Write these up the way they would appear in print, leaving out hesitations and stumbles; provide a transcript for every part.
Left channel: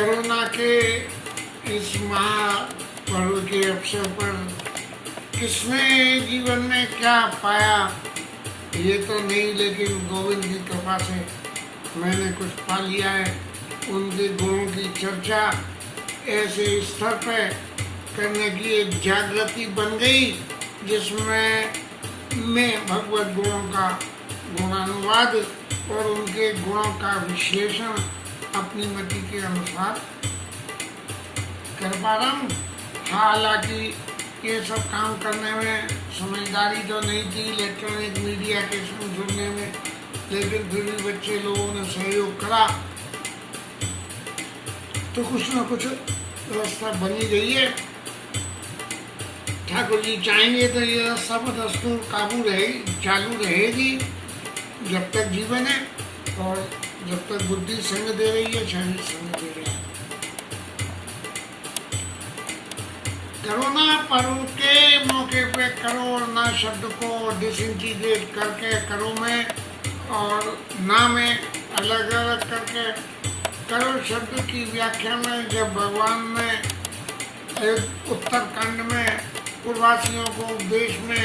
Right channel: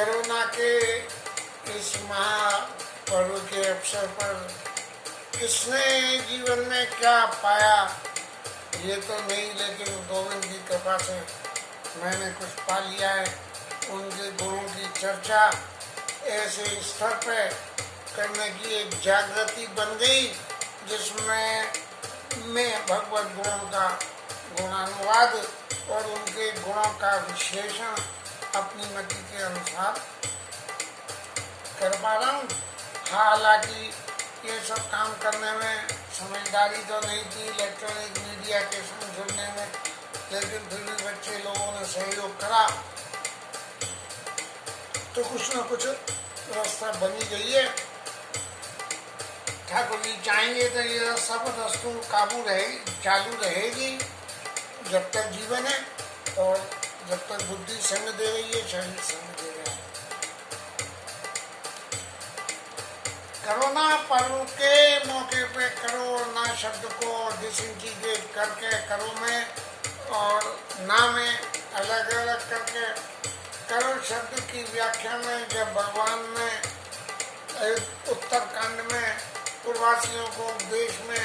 Corona के इस महापर्व के अवसर पर किसने जीवन में क्या पाया ये तो नहीं, लेकिन गोविंद की कृपा से मैंने कुछ पा लिया है। उनके गुणों की चर्चा ऐसे स्तर पे करने की एक जागृति बन गई जिसमें मैं भगवत गुणों का गुणानुवाद और उनके गुणों का विश्लेषण अपनी मति के अनुसार कर पा रहा हूँ। हालांकि ये सब काम करने में समझदारी तो नहीं थी इलेक्ट्रॉनिक मीडिया के संग जुड़ने में, लेकिन फिर भी बच्चे लोगों ने सहयोग करा तो कुछ न कुछ रास्ता बनी गई है। ठाकुर जी चाहेंगे तो ये रास्ता पर दस्तूर काबू चालू रहेगी जब तक जीवन है और जब तक बुद्धि संग दे रही है, शरीर संग दे रहा है। कोरोना पर्व के मौके पे करो और ना शब्द को डिसइंटीग्रेट करके करो में और ना में अलग अलग करके करो शब्द की व्याख्या में जब भगवान ने उत्तरकांड में पूर्ववासियों को उपदेश में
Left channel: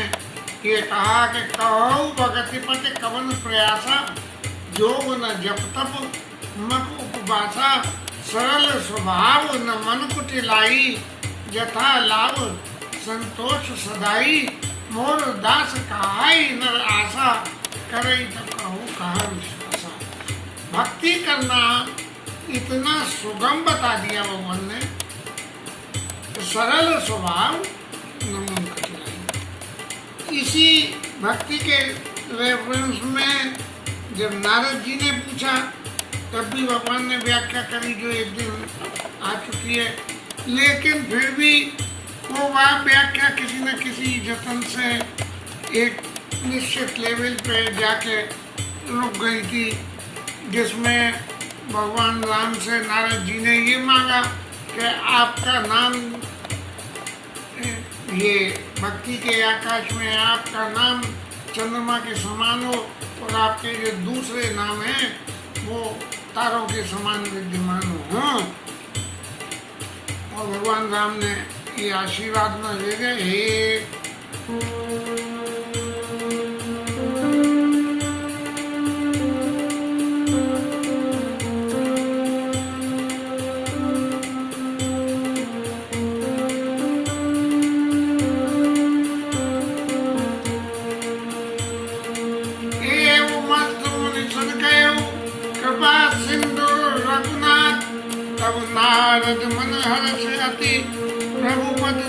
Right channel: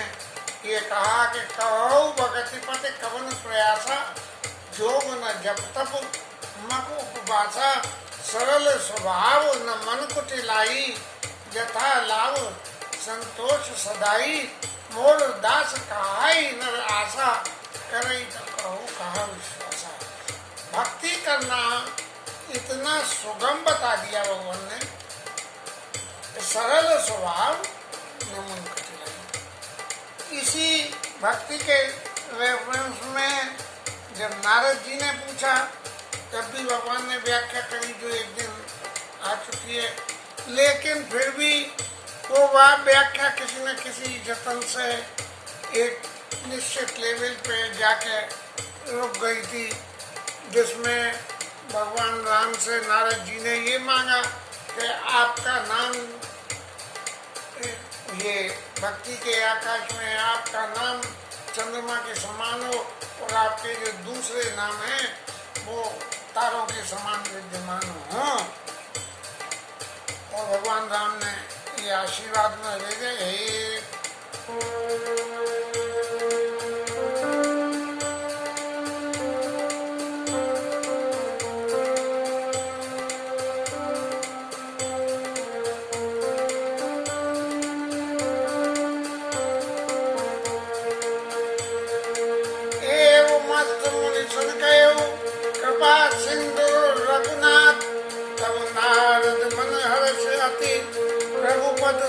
ये कहा कि कहो भगति पति कवन प्रयासा योग न जप तप मक उपवासा सरल स्वभाव न मन कुटिलाई यथा लाभ संतोष सदाई मोर दास कहाई नर आशा करे तो कहो कहा विश्वासा। भक्ति करना इतना सुगम बता दिया भगवान ने, तो सरल स्वभाव न मन कुटिलाई। इसी भक्ति के रेफरेंस में जब नारद जी ने पूछा तब भी भगवान ने व्याख्या करी जो एक दिन आ चुकी है, लेकिन फिर भी वो वह व्याख्या किसी न किसी जतन से एक निश्चित लेवल पे जाके रुक गई थी, जिसमें भगवान राम से नारद जी ने ये मांगा कि आपका नाम ये भक्ति के आकाश में आपका नाम चंद्रमा के समान हो और आपके जो दूसरे नाम हैं वो तारों के समान विद्यमान हो। और भगवान राम ने ये आशीर्वाद में दे गए, कृपा सिंधु रघुनाथ तब नारद मन हर्ष अति रघुपत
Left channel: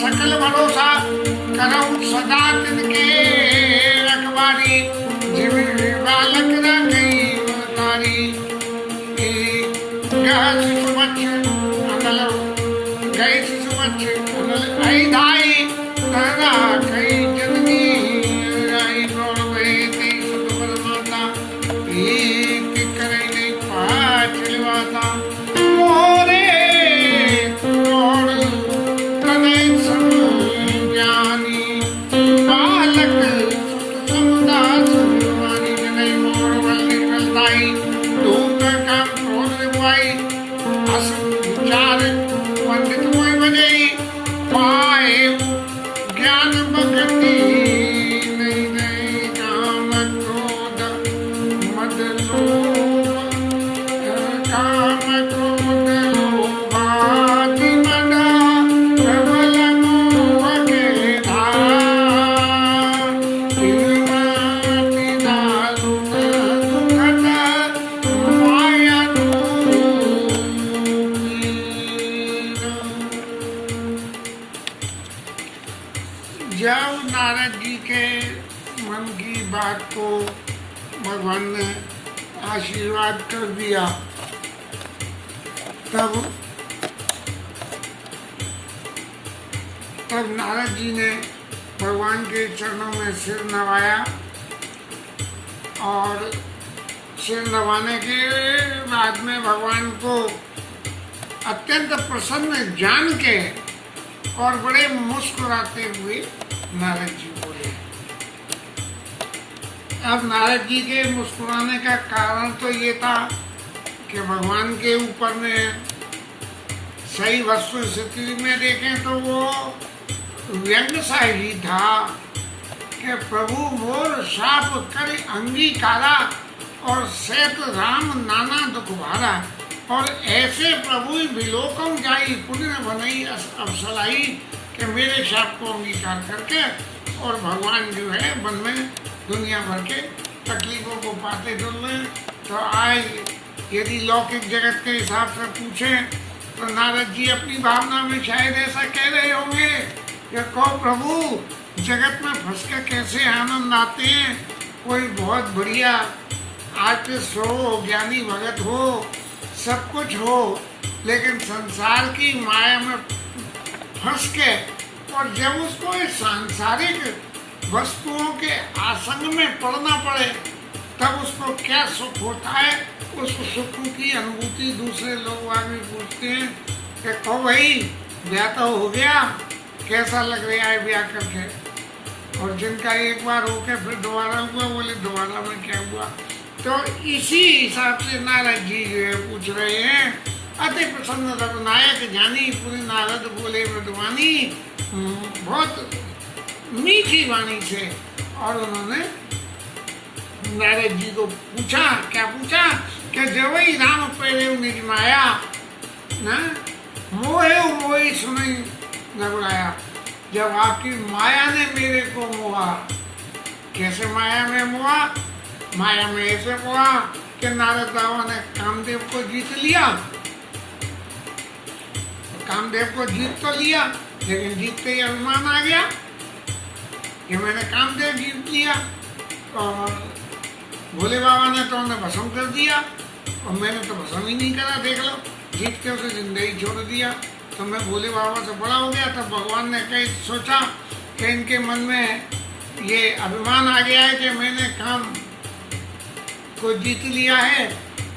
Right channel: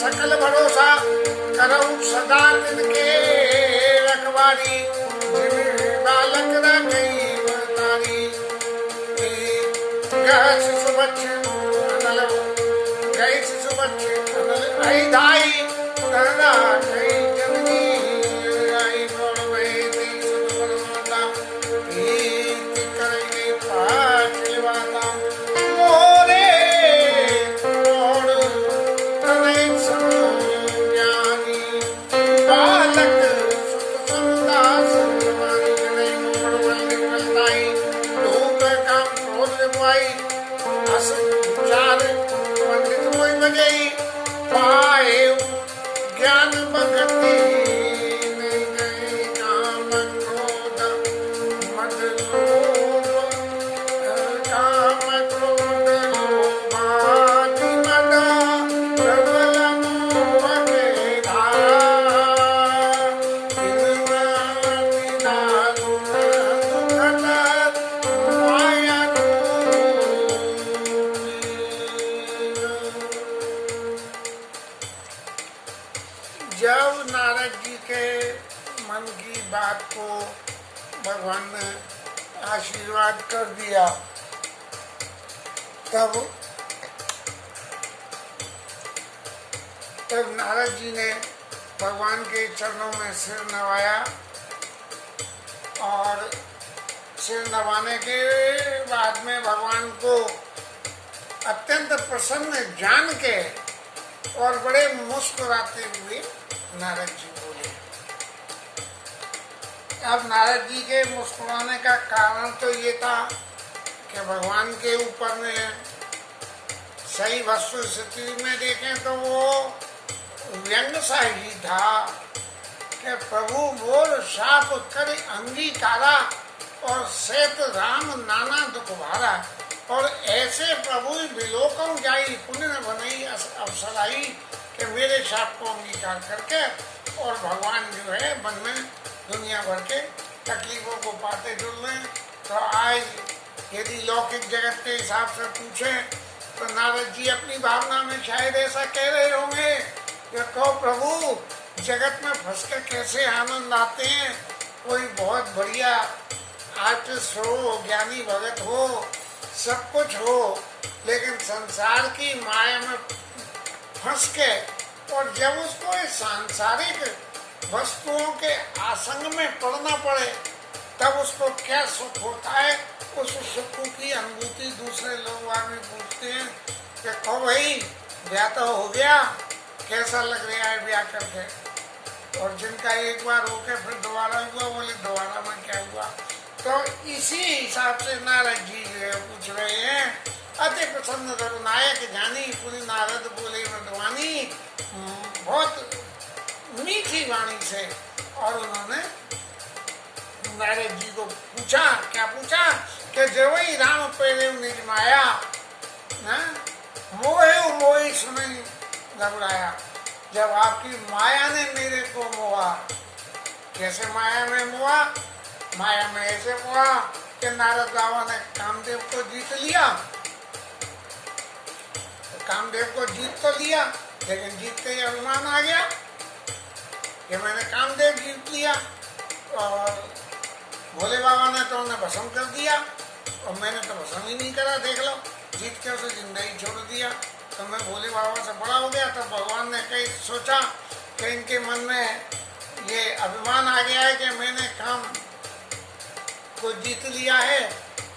सकल भरोसा करऊ सदा तिनके रखवारी जिम बालक न गई तारी शिशु बच्च अनल गई शिशु बच्च अनल आई दाई दादा कई जननी आई प्रौढ़ गई तेई सुख बल माता एक करई नहीं पाँच लिवाता मोरे काम क्रोध लोभ आदि मदा नारद जी के मन की बात को भगवान ने आशीर्वाद कर दिया, तब नारद जी ने भगवान के चरणों में सिर नवाया और सिर नवाने के बाद में भगवान को अत्यंत प्रसन्न जान के और बड़े मुस्कुराते हुए नारद जी बोले। अब नारद जी के मुस्कुराने का कारण तो ये था कि भगवान के ऊपर में सही वस्तु स्थिति में देखें तो वो व्यंग सा ही था कि प्रभु मोर शाप कर अंगीकारा और सेत राम नाना दुख भारा, और ऐसे प्रभु विलोकम जाई पुण्य बनई अवसलाई कि मेरे शाप को अंगीकार करके और भगवान जो है वन में दुनिया भर के तकलीफों को पाते जुल रहे। तो आज यदि लौकिक जगत के हिसाब से पूछें तो नारद जी अपनी भावना में शायद ऐसा कह रहे होंगे कि कहो प्रभु जगत में फंस के कैसे आनंद आते हैं, कोई बहुत बढ़िया आर्टिस्ट हो, ज्ञानी भगत हो, सब कुछ हो, लेकिन संसार की माया में फंस के और जब उसको इस सांसारिक वस्तुओं के आसंग में पड़ना पड़े तब उसको क्या सुख होता है। उस सुख की अनुभूति दूसरे लोग आगे पूछते हैं कि कहो भाई ब्याह तो हो गया, कैसा लग रहा है ब्याह करके, और जिनका एक बार होके फिर दोबारा हुआ बोले दोबारा में क्या हुआ। तो इसी हिसाब से नारद जी जो है पूछ रहे हैं। अति प्रसन्न रघुनायक जानी पूरी नारद बोले मृदवानी, बहुत मीठी वाणी से। और उन्होंने नारद जी को पूछा, क्या पूछा कि जब ही राम पहले निज माया ना मोहे मोही सुनी रघुराया, जब आपकी माया ने मेरे को मोहा। कैसे माया में मोहा? माया में ऐसे मोहा कि नारद बाबा ने कामदेव को जीत लिया। तो कामदेव को जीत तो लिया, लेकिन जीतते ही अभिमान आ गया कि मैंने कामदेव जीत लिया, और भोले बाबा ने तो उन्हें भस्म कर दिया और मैंने तो भस्म ही नहीं करा। देख लो, जीत के उसे जिंदगी छोड़ दिया, तो मैं भोले बाबा से बड़ा हो गया। तो भगवान ने कहीं सोचा कि इनके मन में ये अभिमान आ गया है कि मैंने काम को जीत लिया है,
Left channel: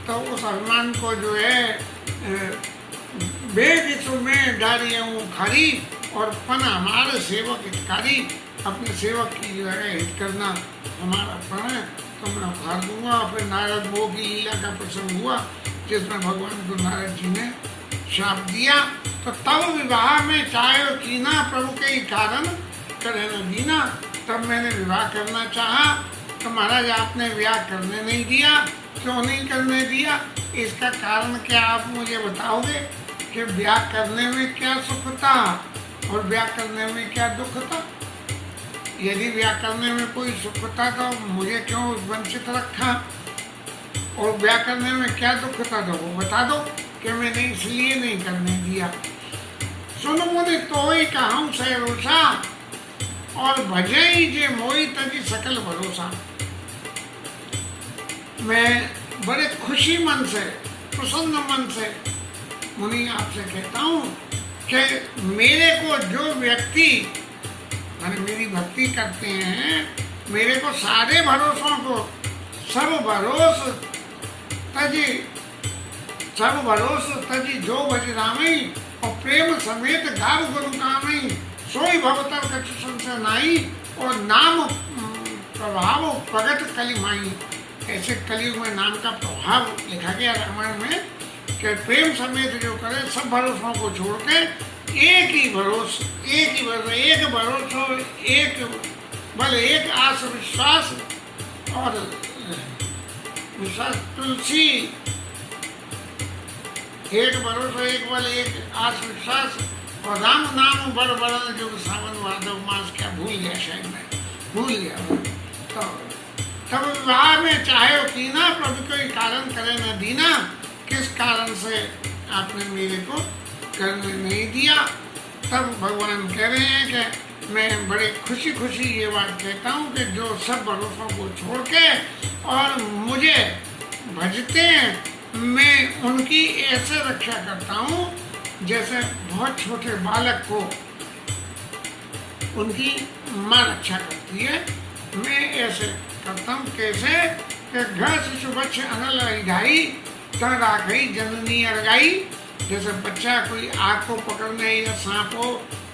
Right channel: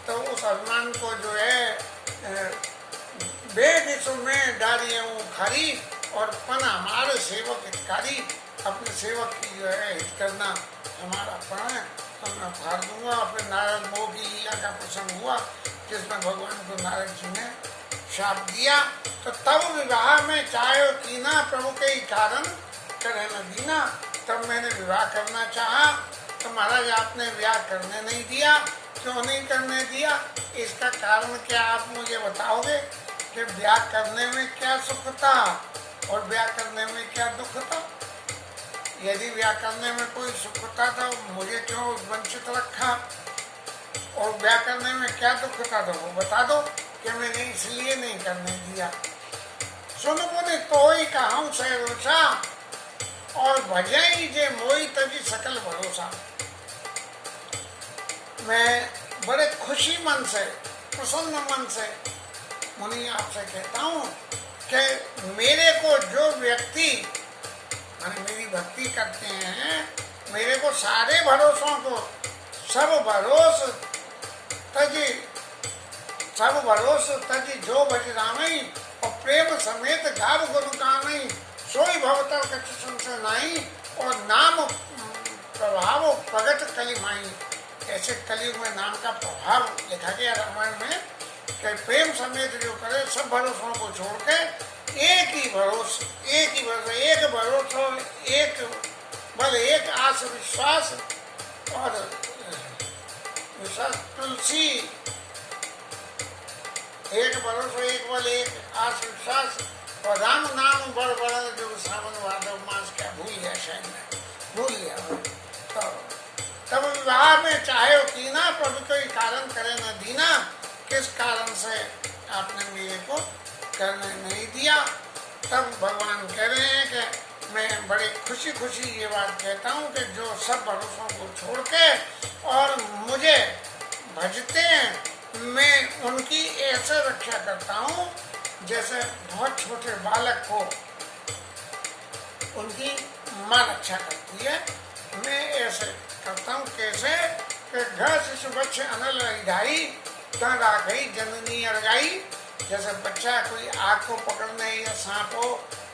तो उस अभिमान को जो है बेगिसु में डाली खारी और पन हमारे सेवक हितकारी। अपने सेवक की जो है हित करना हमारा पण है, तो मैं उखाड़ दूंगा। फिर नारद मोह की लीला का प्रसंग हुआ जिसमें भगवान को नारद जी ने शाप दिया। तो तब विवाह में चाहे कीना प्रभु के ही कारण करे न दीना, तब मैंने विवाह करना चाहा तो महाराज आपने विवाह करने नहीं दिया। क्यों नहीं करने दिया? इसका कारण क्या आप मुझे बताओगे कि ब्याह करने में क्या सुख था और ब्याह करने में क्या दुख था? यदि ब्याह करने में कोई सुख था तो मुझे क्यों वंचित रखा, और ब्याह करने में क्या दुख था तो वो बता दो कि मैंने इसलिए नहीं करने दिया। सुनो मुझे तो ही कहूँ से रोषा और भजई जे मोई तजी सकल भरोसा। मैं बड़े खुशी मन से, प्रसन्न मन से मुनि आपसे कहता हूँ कि मेरे को जो व्यक्ति माने मेरी भक्ति करते हैं, मेरे को सारे भरोसों को सब भरोस तजी जो भज रामई, और प्रेम समेत गाव गुरु कामई, सोई भवतर कछु संशय नाई, और नाम प्रभाव प्रगट कलिमाई। ऐसे कलयुग में नाम का प्रभाव लिखा गया रामायण में कि प्रेम समेत जो करे सब भरोसों को छोड़ के एक भरोसा, एक बल, एक आस विश्वास और विश्वास तुलसी, एक भरोसा, एक बल, एक आस विश्वास और राम नाम बड़ बड़ा जो सावन वादव मास क्या भूल गया, शायद मैं भूल गया। तो तब विवाह में चाहे कीना प्रभु कोई कारण करे न दीना। किस कारण से आपने मेरे को करने नहीं दिया? तब भगवान कह रहे हैं कि मैं बड़े खुशी खुशी ये बात कहता हूँ कि जो सब भरोसों को छोड़ के और मुझे भजते हैं, मैं उनकी ऐसे रक्षा करता हूँ जैसे बहुत छोटे बालक को उनकी माँ रक्षा करती है। मैं ऐसे करता हूँ। कैसे कि घर शिशु बच्चे अनल ढाई तन राखई जननी अरगाई। जैसे बच्चा कोई आग को पकड़ने या सांप हो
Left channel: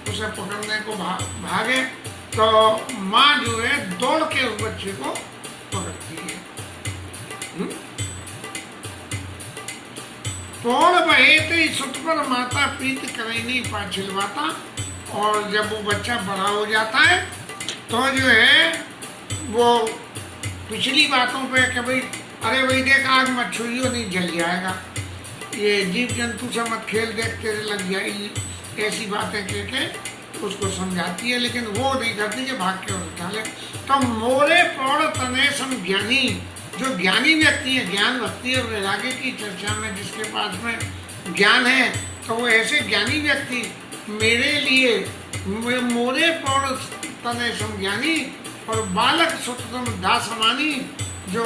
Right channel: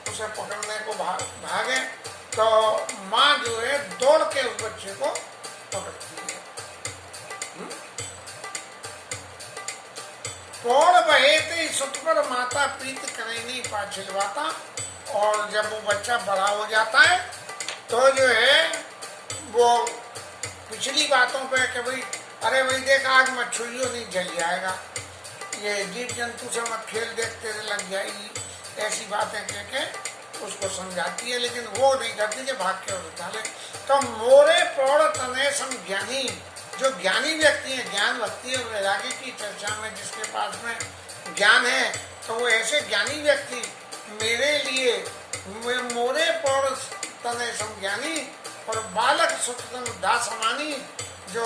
उसे पकड़ने को भागे तो माँ जो है दौड़ के उस बच्चे को पकड़ती है। तोड़ बहे ते सुत पर माता प्रीत करे नहीं पाछिलवाता। और जब वो बच्चा बड़ा हो जाता है तो जो है वो पिछली बातों पे कि भाई अरे भाई देख आग मत छुइयो नहीं जल जाएगा, ये जीव जंतु से मत खेल, देख तेरे लग जाएगी, ऐसी बातें कह के उसको समझाती है। लेकिन वो नहीं करती कि भाग के उठा ले। तो मोरे प्रौढ़ तने सम ज्ञानी, जो ज्ञानी व्यक्ति है, ज्ञान भक्ति और वैराग्य की चर्चा में जिसके पास में ज्ञान है, तो वो ऐसे ज्ञानी व्यक्ति मेरे लिए मोरे प्रौढ़ तने सम ज्ञानी और बालक सुतम दास अमानी, जो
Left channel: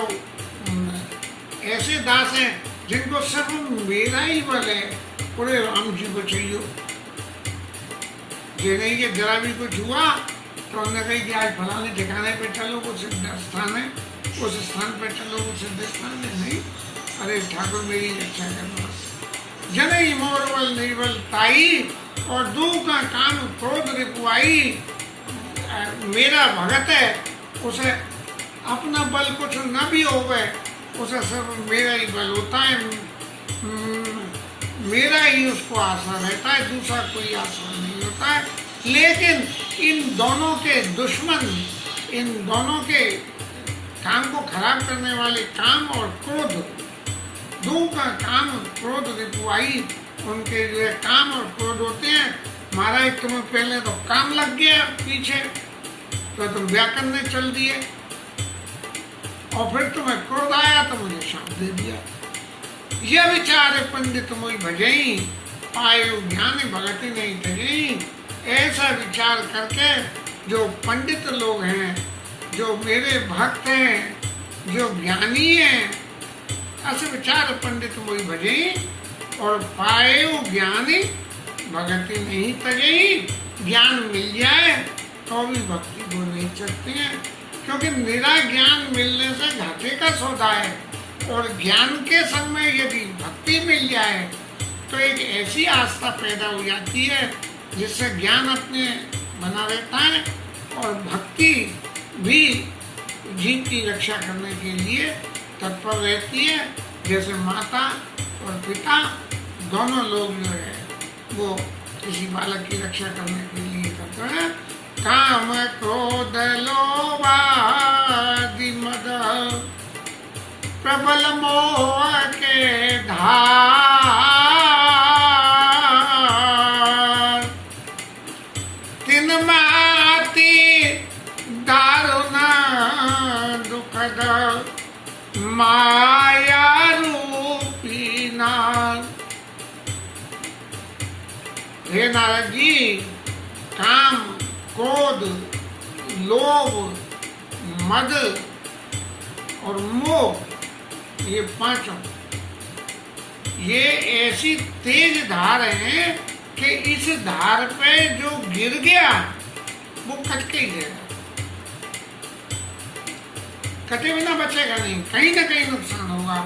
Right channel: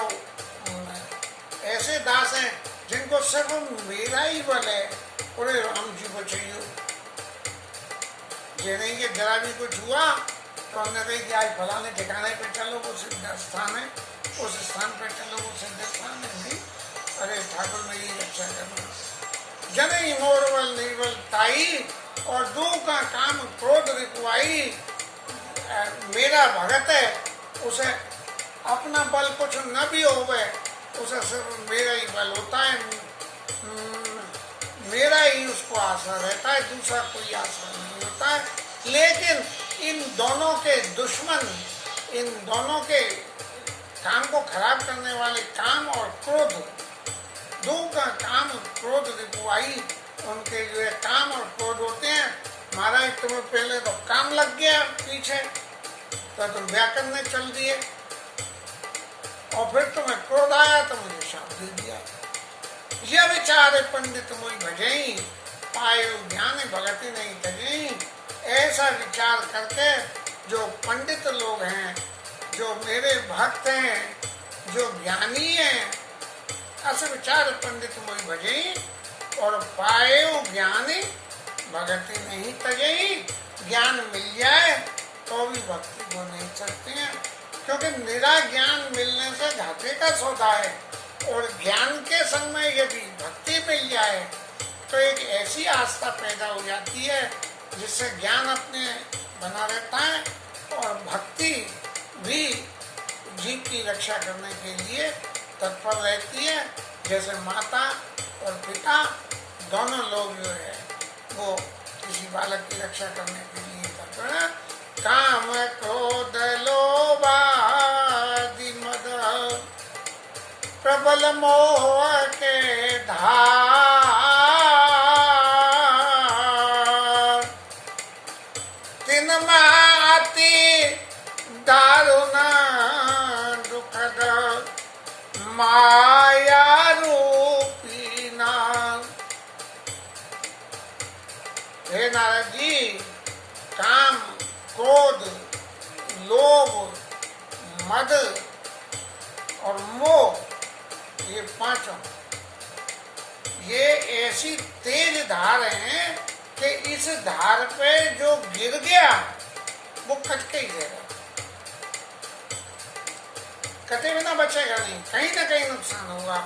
ऐसे दास हैं जिनको सिर्फ मेरा ही बल है, पूरे राम जी को चाहिए। ये नहीं कि जरा भी कुछ हुआ तो हमने कही कि आज फलाने ठिकाने पे चलो, वो सिद्ध स्थान है, उस स्थान पे चलो, वो सिद्ध स्थान है। नहीं, अरे ठाकुर मेरी रक्षा करना। जन मोर बल निर्बल ताई और दू का काम क्रोध रिपुआई। मेरा भगत है, उसे अपना बल कुछ न भी होवे, उसे सिर्फ मेरा ही बल होता है, मेरा ही उसको आशा रहता है, दूसरा कोई आशा नहीं होता है। लेकिन इन दोनों के दुश्मन, इन दोनों के काम को खराब करने वाले काम और क्रोध, दो का काम क्रोध रिपुआई, उनके जो काम और क्रोध होते हैं। महाराज तुम्हें पहले तो काम लग गया पीछे, तो तुम ब्याह करने चल दिए, और फिर तुम्हें क्रोध आया तो मुझे शाप दे दिया। यह विचार पंडित मोई भजई, पायो ज्ञान भगति नहीं तजई। ऐसा विचार करके जो पंडित लोग हैं, जो मेरे भक्त हैं, जो ज्ञानी हैं, ऐसे विचार पंडित मोई भजई और पायो ज्ञानी भगति नहीं तजई। ज्ञान मिल जाए तो भी भक्ति को नहीं सकते हैं, क्योंकि निरा ज्ञान मिलने से घाटे का सौदा है। और ज्ञान के संग में यदि भक्ति मिल जाए तो एक ऐसी आस्था पैदा हो जाती है जिससे ज्ञान अपने बना रहता है और भक्ति भी जीव की रक्षा करने के लिए तत्पर रहती है। जैसे माता और पिता दोनों लोग जो है वो किसी बालक की रक्षा करने के लिए तत्पर है। काम क्रोध लोभ आदि मद प्रबल मोह के धार, तिन माति दारुण दुखद माया रूपी नार। हे नारद जी, काम क्रोध लोभ मद और मोह, ये पांचों, ये ऐसी तेज धार हैं कि इस धार पे जो गिर गया वो कट के ही जाएगा, कटे बिना बचेगा नहीं, कहीं ना कहीं नुकसान होगा।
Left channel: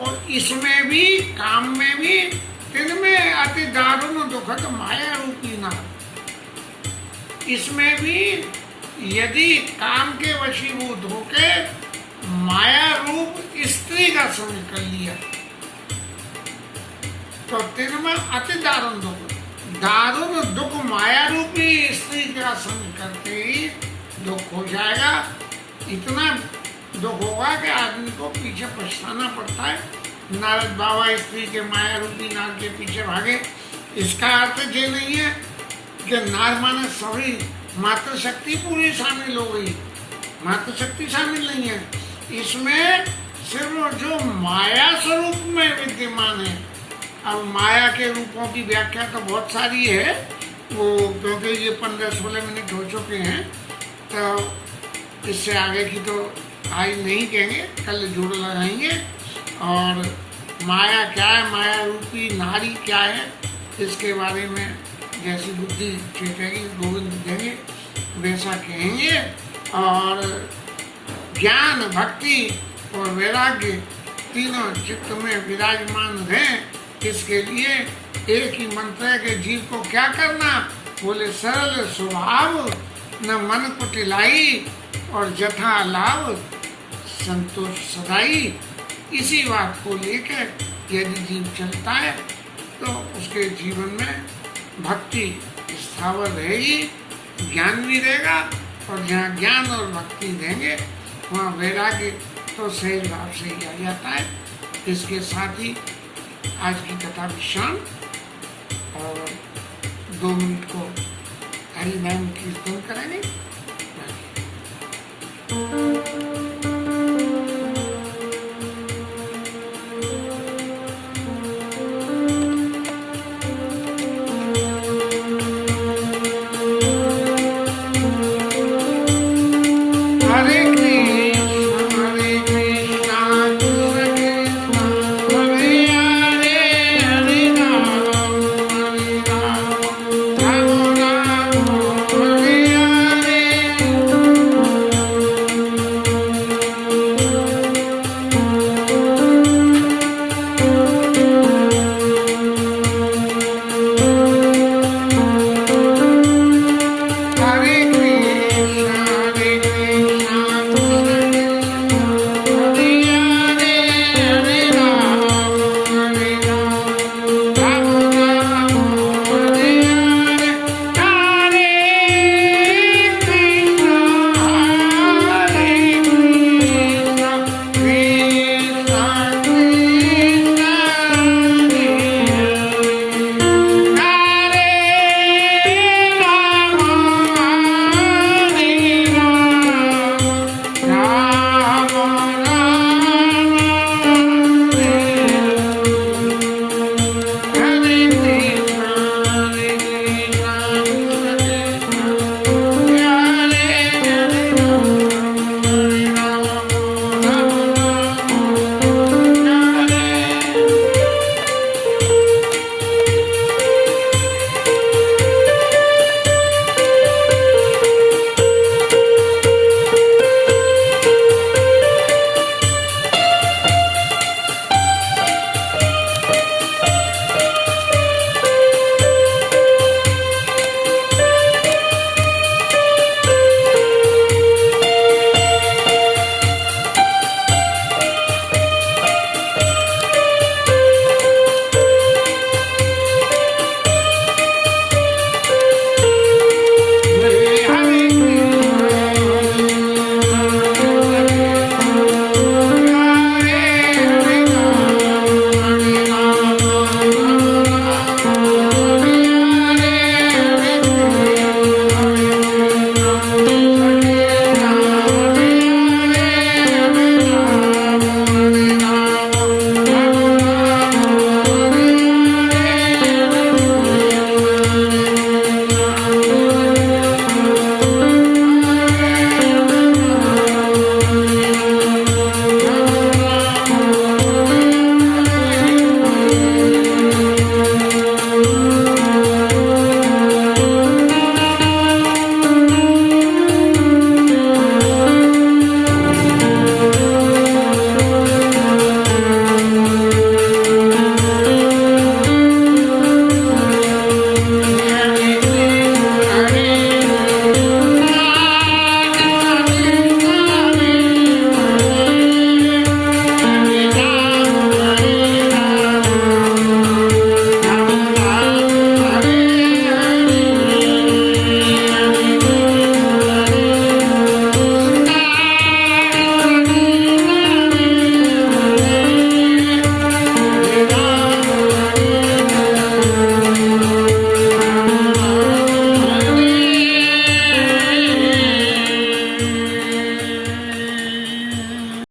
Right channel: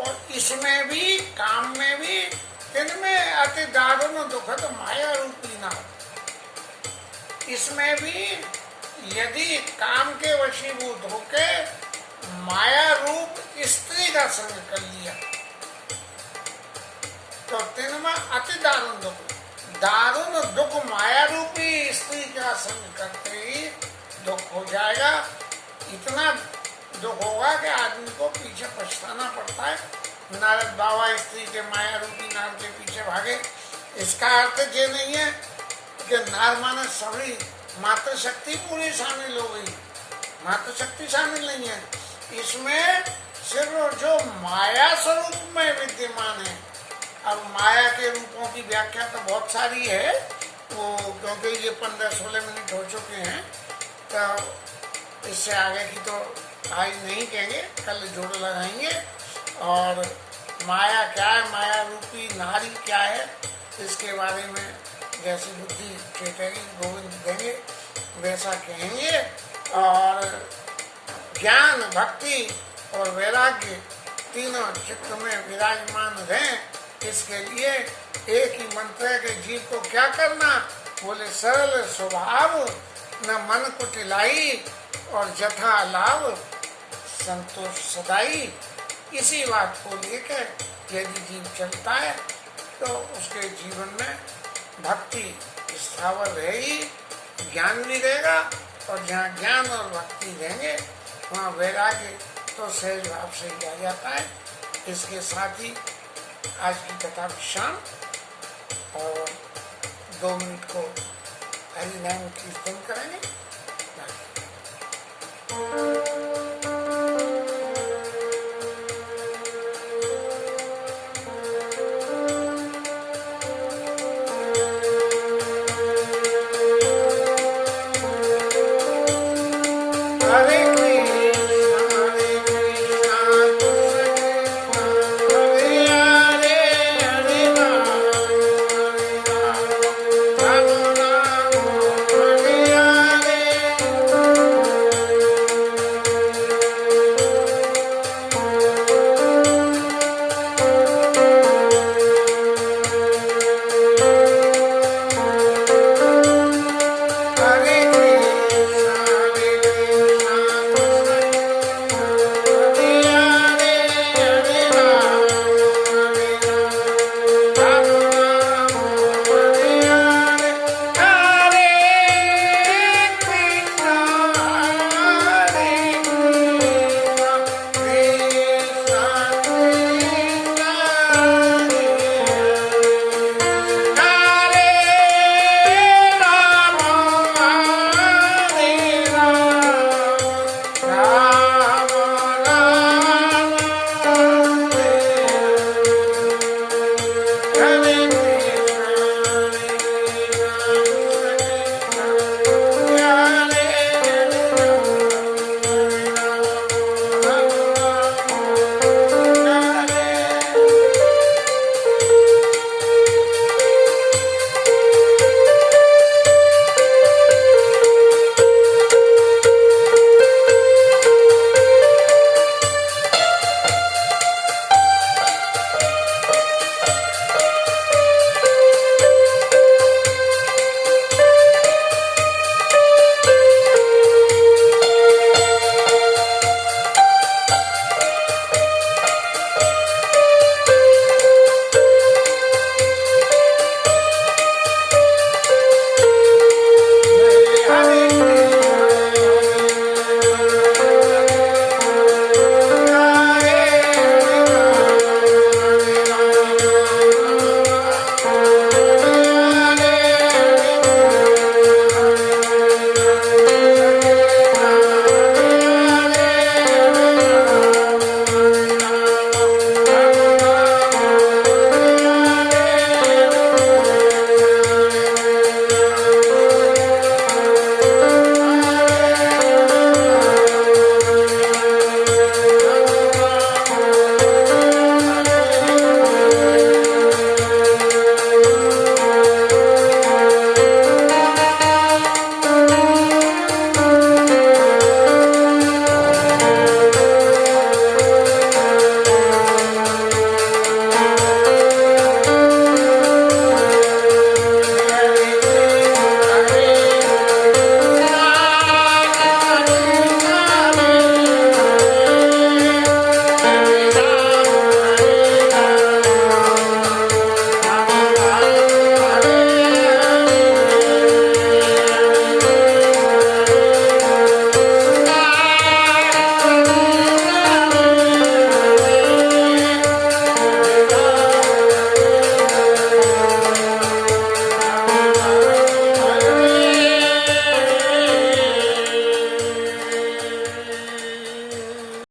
और इसमें भी, काम में भी, तिनमें अति दारुण दुखद माया रूपी नार। इसमें भी यदि काम के वशीभूत होके माया रूप स्त्री का संग कर लिया तो तिनमें अति दारुण दुख, दारुण दुख माया रूपी स्त्री का संग करते ही दुख हो जाएगा। इतना दुख होगा कि आदमी को पीछे पछताना पड़ता है। नारद बाबा स्त्री के माया रूपी नार के पीछे भागे। इसका अर्थ ये नहीं है कि नार माने सभी मातृशक्ति पूरी शामिल हो गई, मातृशक्ति शामिल नहीं है इसमें, सिर्फ जो माया स्वरूप में विद्यमान है। अब माया के रूपों की व्याख्या तो बहुत सारी है, वो क्योंकि ये 15-16 मिनट हो चुके हैं, तो इससे आगे की तो आज नहीं कहेंगे, कल जोड़ लगाएंगे। और माया क्या है, माया रूपी नारी क्या है, इसके बारे में जैसी बुद्धि चेतेगी गोविंद देंगे वैसा कहेंगे। और ज्ञान, भक्ति और वैराग्य तीनों चित्त में विराजमान रहें, इसके लिए एक ही मंत्र है कि जीव को क्या करना, बोले सरल स्वभाव न मन कुटिलाई और जथा लाभ संतोष सदाई। इसी बात को लेकर यदि जीव चलता है तो उसके जीवन में भक्ति स्थावर रहेगी, ज्ञान भी रहेगा, और जहाँ ज्ञान और भक्ति देंगे वहाँ वैराग्य तो सहज भाव से ही आ जाता है। इसके साथ ही आज की कथा विश्राम, और 2 मिनट को हरि नाम कीर्तन करेंगे।